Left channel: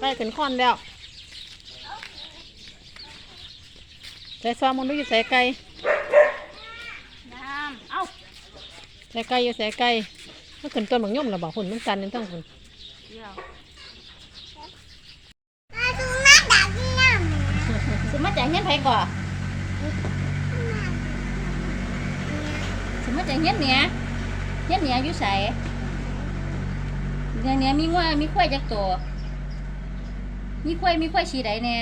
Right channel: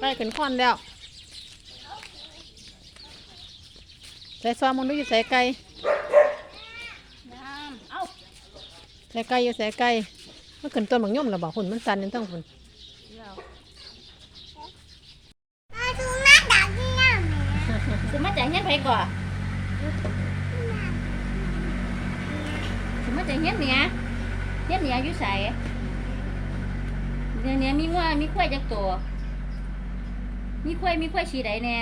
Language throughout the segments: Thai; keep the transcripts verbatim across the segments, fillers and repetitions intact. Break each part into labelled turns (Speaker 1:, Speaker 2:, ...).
Speaker 1: ไปขึ้นคอนแล้วใส่ซอมมันดูอยู่ใส่ไก่
Speaker 2: น้ำเอ้า
Speaker 1: ใส่ไก่อยู่ใส่ไก่มันขึ้นต้นบางย่อมหรอบอกหุ่นมันสั่นนั่นต้องหุ่น
Speaker 2: สิมาจ่ายเงินไผก่อนสิมาจ่ายเงินเนี่ยเงินเนี่ยอยู่ใส่เนี่ยเนี่ยมีว่ามีควายจักตัวมีควายมีควายสีใดแน่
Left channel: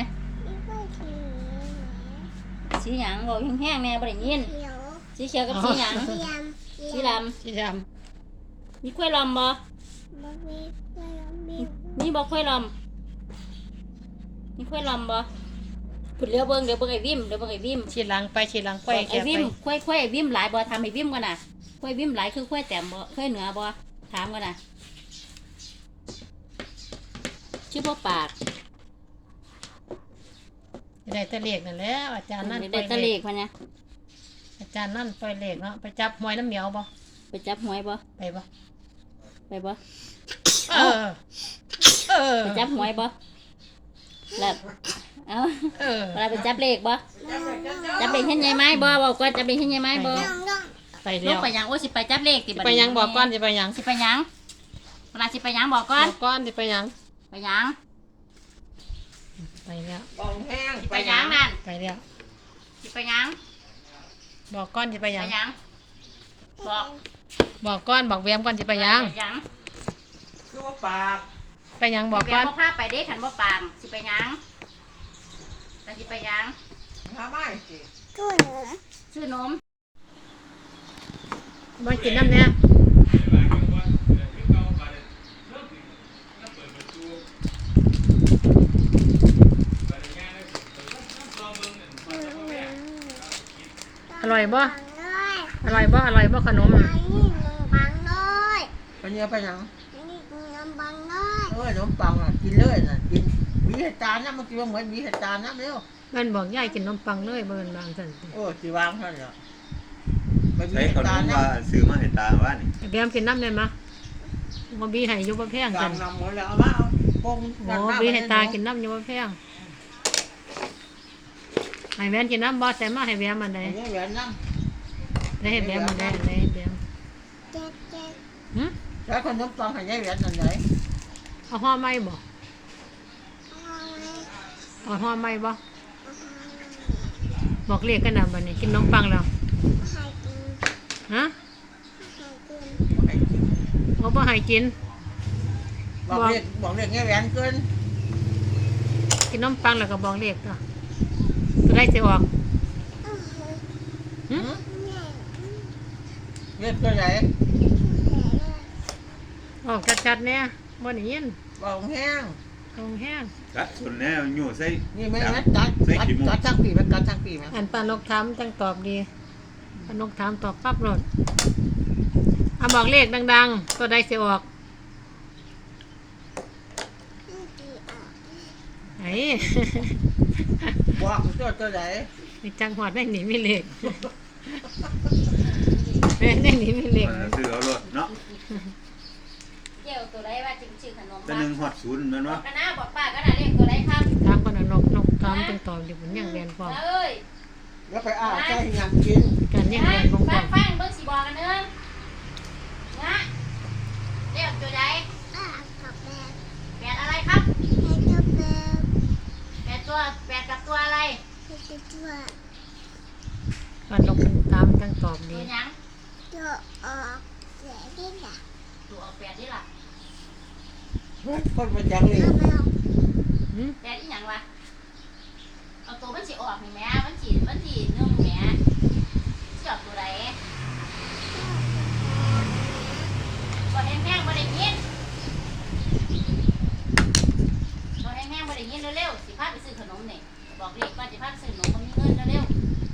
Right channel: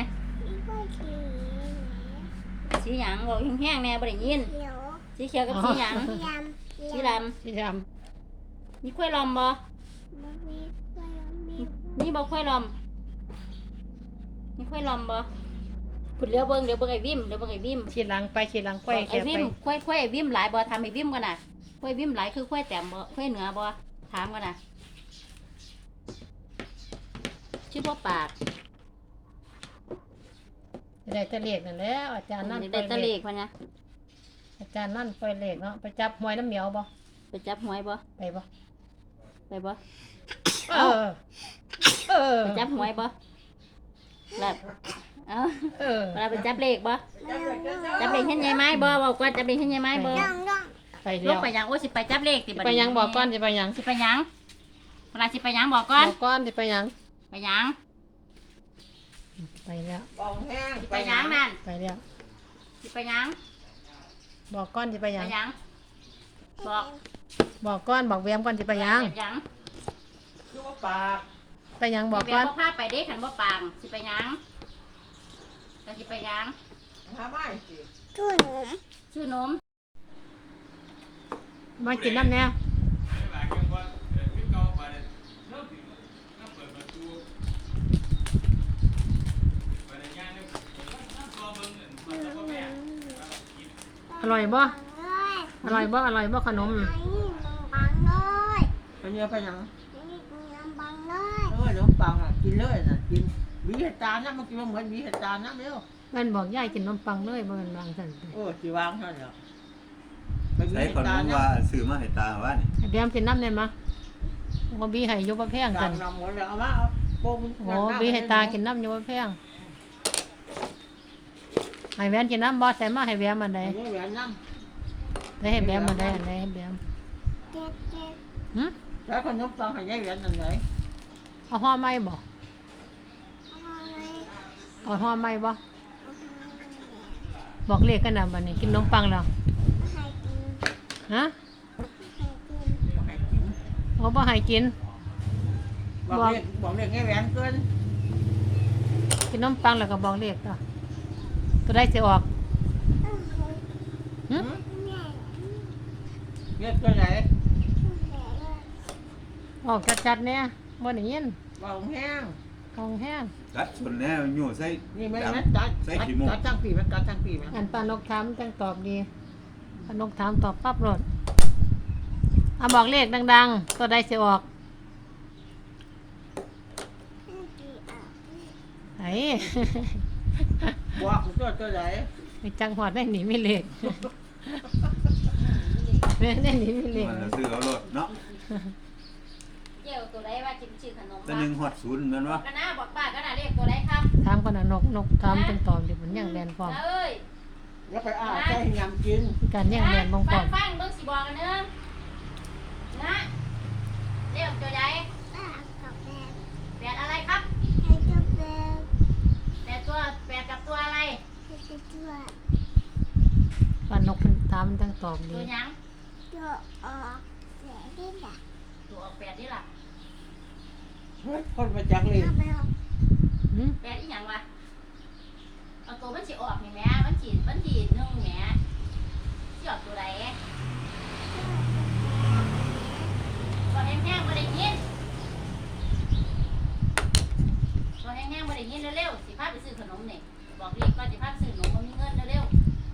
Speaker 2: สีหยังบอกแห้งๆแน่บ่ได้ยินสีเขียวกับสีหยังสีลำ
Speaker 1: สีด
Speaker 2: มีควายลำบ่มีบ่ควายลำมีควายลำบ่ผุดเลี้ยวเบิ้งเดี๋ยวเบิ้งไอ้วิมเดี๋ยวเบิ้งไอ้วิม
Speaker 1: ฉีดหลังไปฉีดหลังไป
Speaker 2: ไอ้วิมควายควายไอ้วิมหลายบ่ทำไอ้วิมก่อนน่ะควายวิมหลายคือควายแต้มบ่ควายเหนือบ่ถามก่อนน่ะชื่อพ่อปาก
Speaker 1: ได้ตะเลกนั่นแหละอาจารย์นั่น
Speaker 2: ได้ตะเลกมาเนี่ย
Speaker 1: อาจารย์นั่นปล่อยเลกเนาะไปจับหอยน้ำเหนียวบ่
Speaker 2: ไปจับหอยบ่
Speaker 1: ไปบ่
Speaker 2: ไปบ่
Speaker 1: เออเออ
Speaker 2: ไปจับหอยบ่แล้วเออเออเราไปจับเลขบ่จับเลขเห็นใหญ่ไม้บ่บอกว่าจับเลขเห็นใหญ่ไม้บ่
Speaker 1: ไปเดี๋ยว
Speaker 2: ไปยังโอ้สิไปจับเลขสิ
Speaker 1: ไปยังบอกก้อนสิไปยัง
Speaker 2: สิไปยังเวลาสิไปยังบอกก้อน
Speaker 1: บอกก้อนสิไปยัง
Speaker 2: ไปยัง
Speaker 1: ไปแล้ว
Speaker 2: ไปยังนั่น
Speaker 1: ไปแล้ว
Speaker 2: สิไปยัง
Speaker 1: บอกก้อนสิไปยัง
Speaker 2: บอก
Speaker 1: บอกก้อนบอกแวมก้อนสิไปยังไปยังบอกก้อน
Speaker 2: พาไปเด็กขันบ่ปางสิไปยังแล้วสิไปยังทำไมชื่อนมชื่อนม
Speaker 1: มากินน้ำเนี่ยอร่อยบ่อร่อยบ่อร่อยบ่ขนม
Speaker 3: ไปเยอะไปยังเออขนมปังอ่ะกินเลยน่ะกินมีเหตุการณ์นะมันกินเหมือนมีเหตุการณ์นะเร็ว
Speaker 1: มันบอกยายกินนมปังเลยบ่เป็นบางสัน
Speaker 3: โอ้สีวางเท่านี้
Speaker 4: ใช้ขนมว่าซื้อมาให้ตาว่านี่
Speaker 1: แบมกินน้ำได้มั้ยว่าบีให้ยกบ่แพงกันโอ้บีให้ตากินน้ำยกบ่แพงให้แบมกินน้ำบ่แต่มาให้แบมมันได้ได้ให้แบมมันได้อันไหนแบม
Speaker 3: ฮะแล้วขนมปังให้ยายแหวนอันไหน
Speaker 1: เอาห่อไม้บ่เอาห่อไม้บ่บอกเลขกันนะบัดนี้กินนมปังแล้วฮะเขาบ่ให้กิน
Speaker 3: บอกเลขบอกเลขยายแหวนเกิน
Speaker 1: กินนมปังแล้วก็บอกเลขต่อตัวได้สิออก
Speaker 3: ฮะเลขตัวไหน
Speaker 1: ออกชัดๆเนี่ยบ่ได้ยิน
Speaker 3: บอกแห้ง
Speaker 1: ของแห้ง
Speaker 4: ละส่วนแน่อยู่ใส่
Speaker 3: นี่ไม่งั้นจัดจัดจังปีมันจัดจังปีมั้ย
Speaker 1: อันปานกถามจังตอบดีปานกถามตอบปั๊บโลดเอาบอกเลขดังๆตัวใดสิออกไอ้
Speaker 3: บอกตัวตัวไหน
Speaker 1: จังหวัดได้หนีไม่เลขได้หนีไม่เลข
Speaker 4: ซื้อเอารถเนาะ
Speaker 2: เจ้าตัวใดว่าจริงๆขนม
Speaker 4: แต่หนึ่งหอดศูนย์นั่นวะ
Speaker 2: กันนะบอกป้าก็น่ะเลขตัวใดครับ
Speaker 1: ถามคนนกนกถามจังตอบอยู่บนย่างแดนพร้อม
Speaker 3: แล้วไปอ้าใส่ยังกิน
Speaker 1: การย่างแดนพร้อม
Speaker 2: ฟังฟังเบิ่งสิบอกกันเด้อนะเลขตัวใดอ่ากับแปดแปดอะไรครับแปดตัวแปดกับตัวอะไร
Speaker 1: ปานกถามจังตอบดี
Speaker 2: ตัวยัง
Speaker 5: ตัวออกแปดนี่ล่ะ
Speaker 2: ตัวออกแปดนี่ล่ะ
Speaker 3: คนมาจังเลย
Speaker 2: แปดอีหยังวะเอาตัวมันสิออกนี่แม่มันสิมันสินึ่งแม่สิออกตัวใดบ่แห้งๆบ่ได้ยินบ่แห้งๆบ่ได้ยินเร็วๆสิพาไปซื้อขนมนี่บอกเลขว่าสิพาไปซื้อขนมบ่มีเงินเร็ว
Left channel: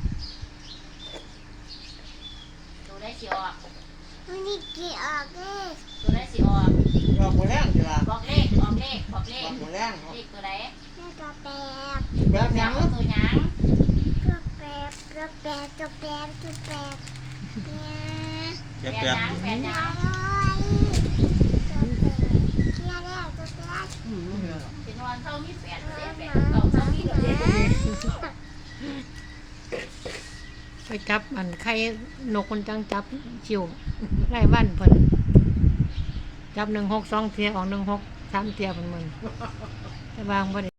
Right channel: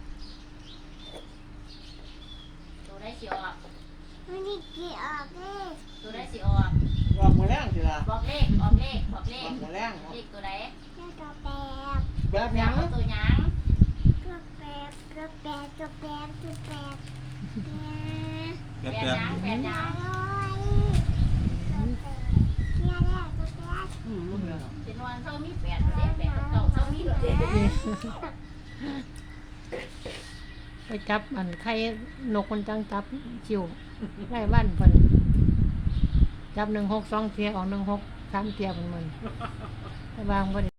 Speaker 2: ๆตัวใดสิออก
Speaker 5: มันนี่กี่ออกเลข
Speaker 2: ตัวใดสิออก
Speaker 3: บอกมาแล้วจ้ะ
Speaker 2: บอกเลขบอกเลขบอกเลข
Speaker 3: บอกมาแล้ว
Speaker 2: เลขตัวใด
Speaker 5: เลขตัวแปด
Speaker 3: แบบยัง
Speaker 2: ตัวหยัง
Speaker 5: ตัวแปดตัวแปดตัวแปดตัวแปด
Speaker 4: เนี่ย
Speaker 2: แปดหยังแปดหยัง
Speaker 5: ตัวแปดตัวแปดตัวแปด
Speaker 2: เป็นว่าอนเช้ามีแปดเจ็ดแปดเก้าเช้ามีเจ็ด
Speaker 1: ไปจับอันไข่นกคนจังจับคิวไร่บ้านเพิ่นจับหนึ่งหกสองเทียออกหนึ่งหกสามเทียเพิ่นมึนแต่บางบ่ได้